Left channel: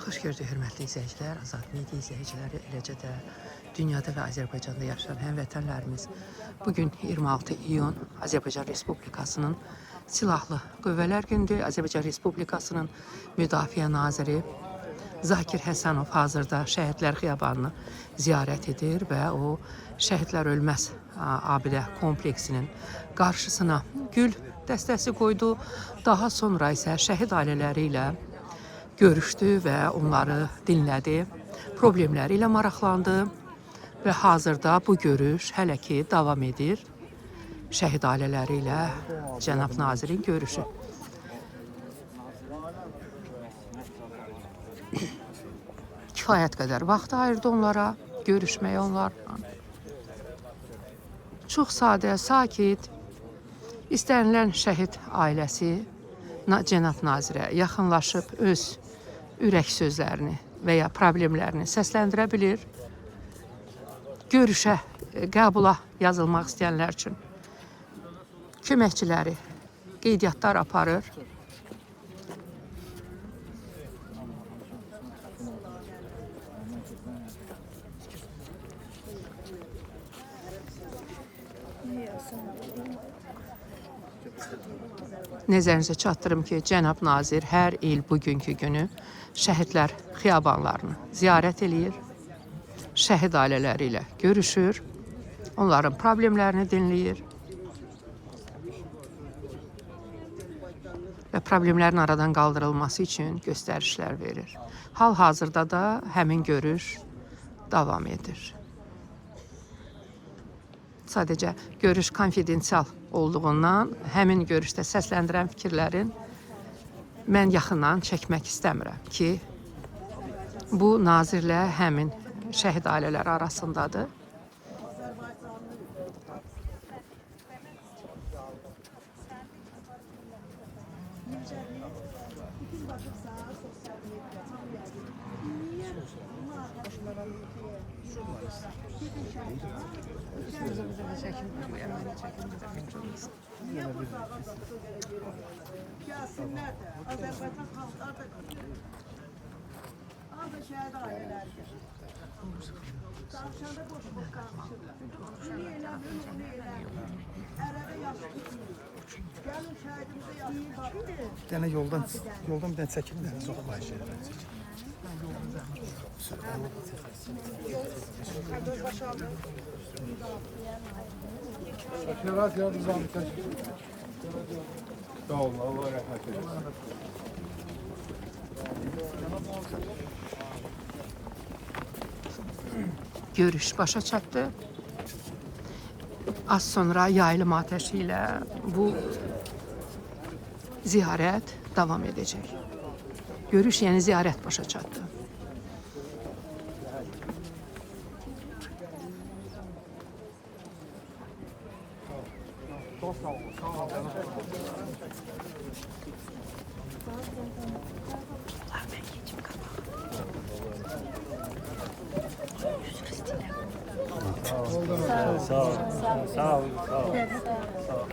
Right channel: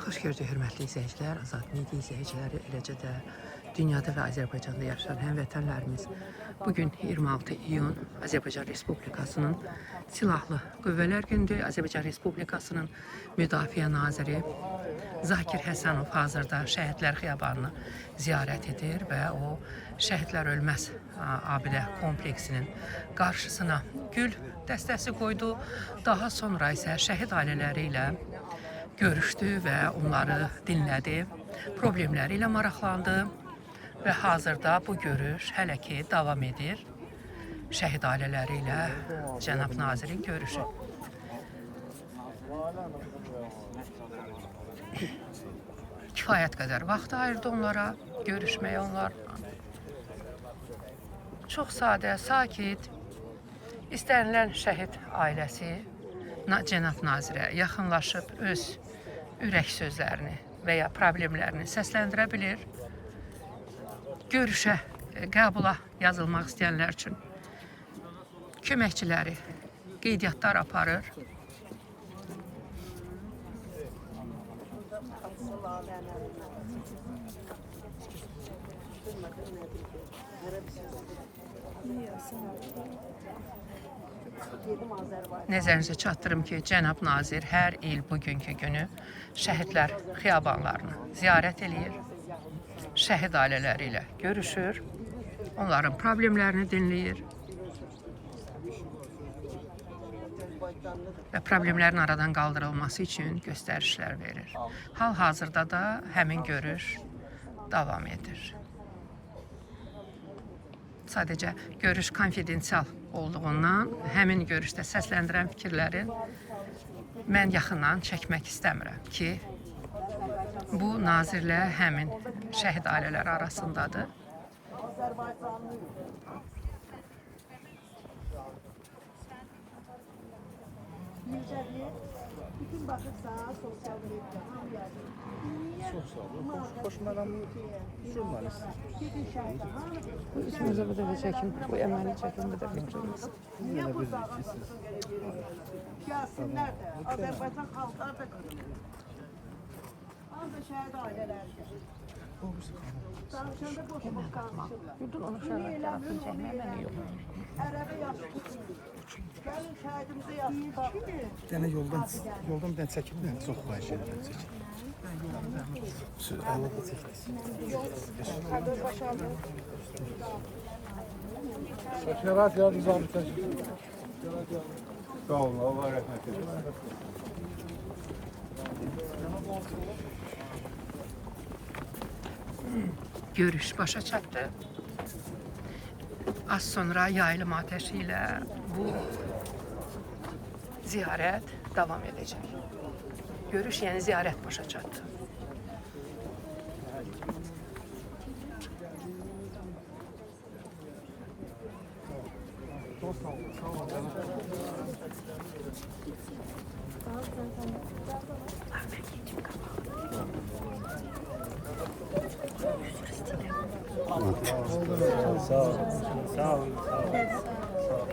Xoş gördük hörmətli izləyicilər, Azad Media izləyiciləri, eləcə də dünyada və Azərbaycanda yaşayan həmvətənlərimiz. Bugün 26 iyun Azərbaycan Respublikasının Silahlı Qüvvələr Gündür. Azərbaycan Respublikasının Müdafiə Naziri Zakir Həsənov hazırda Şəhidlər Xiyabanını ziyarət edir və o Şəhidlər Ölməz abidə kompleksinin qarşısına gül dəstəsi qoydu. Daha sonra isə şəhid ailələri ilə görüşdü və onları dinlədi, problemləri ilə maraqlandı və hazırda bu görüş hələ ki davam edir. Şəhid ailələri ilə cənab nazirin görüşü. Kifayət qədər vaxt ayırdı onlara, görüşməyə onlarla. Çox sadə, sakit, istənilən şəhid ailəsi cənab nazirə yaxınlaşıb öz ürək sözlərini və ya problemlərini səsləndirə bilir. Görüşə, qəbula yazılmaq istəyənlər üçün köməkçiləri qeydiyyatlar aparır. Nəzərinizə çatdırım ki, cənab nazir hər il bugünkü günü şəhidlər xiyabanlarını ziyarət eləyir, şəhid ailələri ilə görüşür, onların problemlərini dinləyir və problemlərin aradan qaldırılması üçün göstərişlər verir. Hal-hazırda da həmin görüş davam edir. Sadəcə görüş konfidensial olduğundan həmin görüşdə səsləndirən fikirlərin mən yaxından çəkmək istəmirəm ki, bu nazirlə həmin şəhid ailələri arasındadır. Üstünüzə bir də çəkin, bu əməni çəkin, bir də fikir olmasın. Gəlsinlər, Azərbaycan xalqları da ancaq şəhid ailələri. Yemək qatmaq. Bütün onu şəhid tərəfini çəkməyə mənə yox. Ərəbə yaşayın. Gəlin şəhidimizi yaşayın. Yəni yoldan bir dənə çəkildi, çox xahiş edirəm. Şəkərat ya bizə bir sağ olun, Allah rəhmət eylesin. Görüş başa çatdı. Az sonra yaylım ateşi ilə bu ziyarət davam edəcək. Görüş, yəni ziyarət başa çatdı. Çok sağ olun, sağ olun. Sağ ol. Sağ ol. Sağ ol. Sağ ol.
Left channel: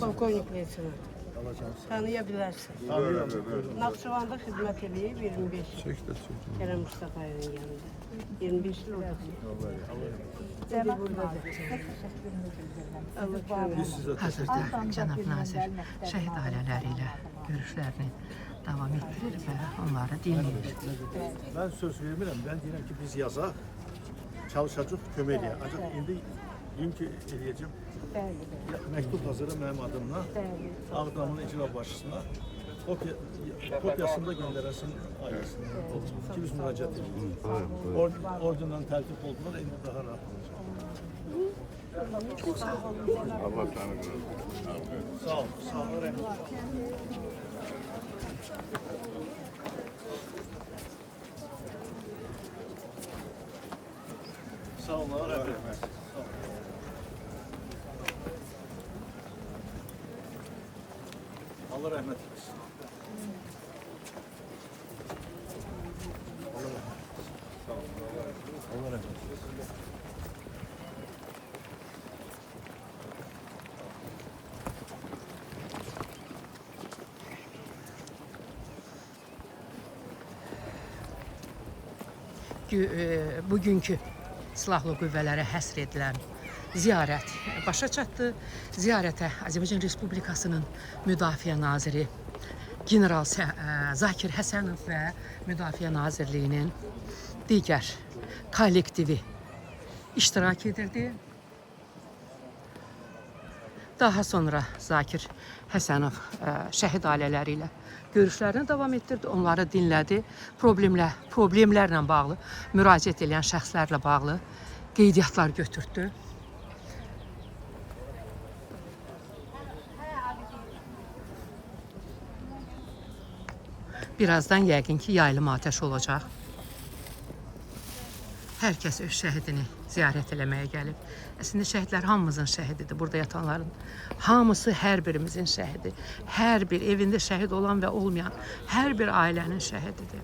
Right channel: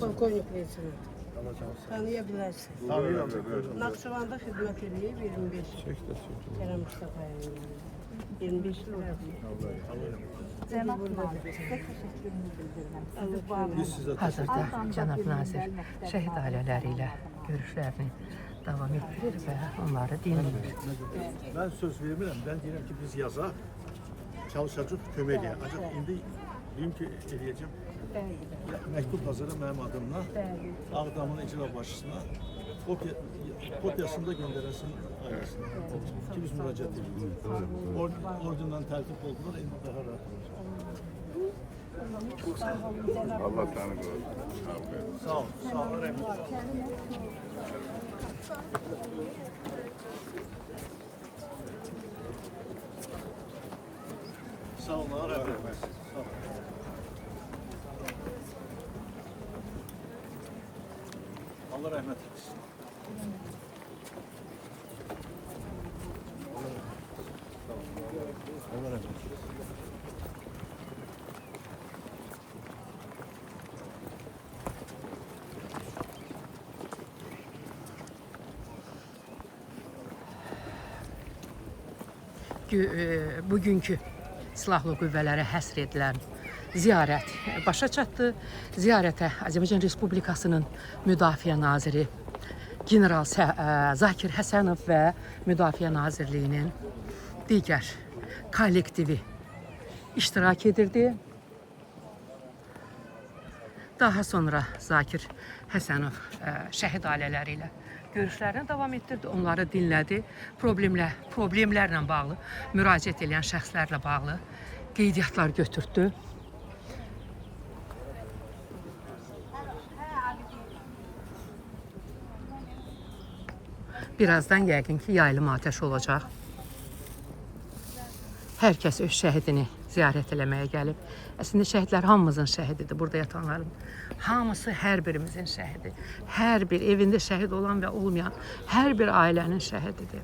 Polkovnik Leyçini tanıya bilərsin. Naxçıvanda xidmət edib 25 il. Kerem Mustafa'nın yanında. 25 il orada. Cənab nazir, təşəkkürümü bildirirəm. Hazırda cənab nazir şəhid ailələri ilə görüşlərini davam etdirir və onları dinləyir. Ben söz vermirəm, ben deyirəm ki biz yazaq, çalışacaq kömək eləyək. Ancaq indi deyim ki eləyəcəm. Məktub hazırım mənim adımla, Ağdamın icra başçısına, kopyasını da göndərəsin ailəsinə. Ki biz müraciət edirik. Ordundan tərtib oldular, indi daha rahat olacaq. Allah səni qorusun. Sağ ol, sağ ol, rəhmət. Sağ olun, rəhmət. Allah rəhmət etsin. Allah rəhmət etsin. Bugünkü silahlı qüvvələrə həsr edilən ziyarət başa çatdı. Ziyarətə Azərbaycan Respublikasının Müdafiə Naziri General Zakir Həsənov və Müdafiə Nazirliyinin digər kollektivi iştirak edirdi. Daha sonra Zakir Həsənov şəhid ailələri ilə görüşlərini davam etdirdi, onları dinlədi. Problemlərlə bağlı, müraciət edən şəxslərlə bağlı qeydiyyatlar götürdü. Birazdan yəqin ki, yaylım atəş olacaq. Hər kəs öz şəhidini ziyarət eləməyə gəlib. Əslində şəhidlər hamımızın şəhididir. Burada yatanların hamısı hər birimizin şəhidi. Hər bir evində şəhid olan və olmayan hər bir ailənin şəhididir.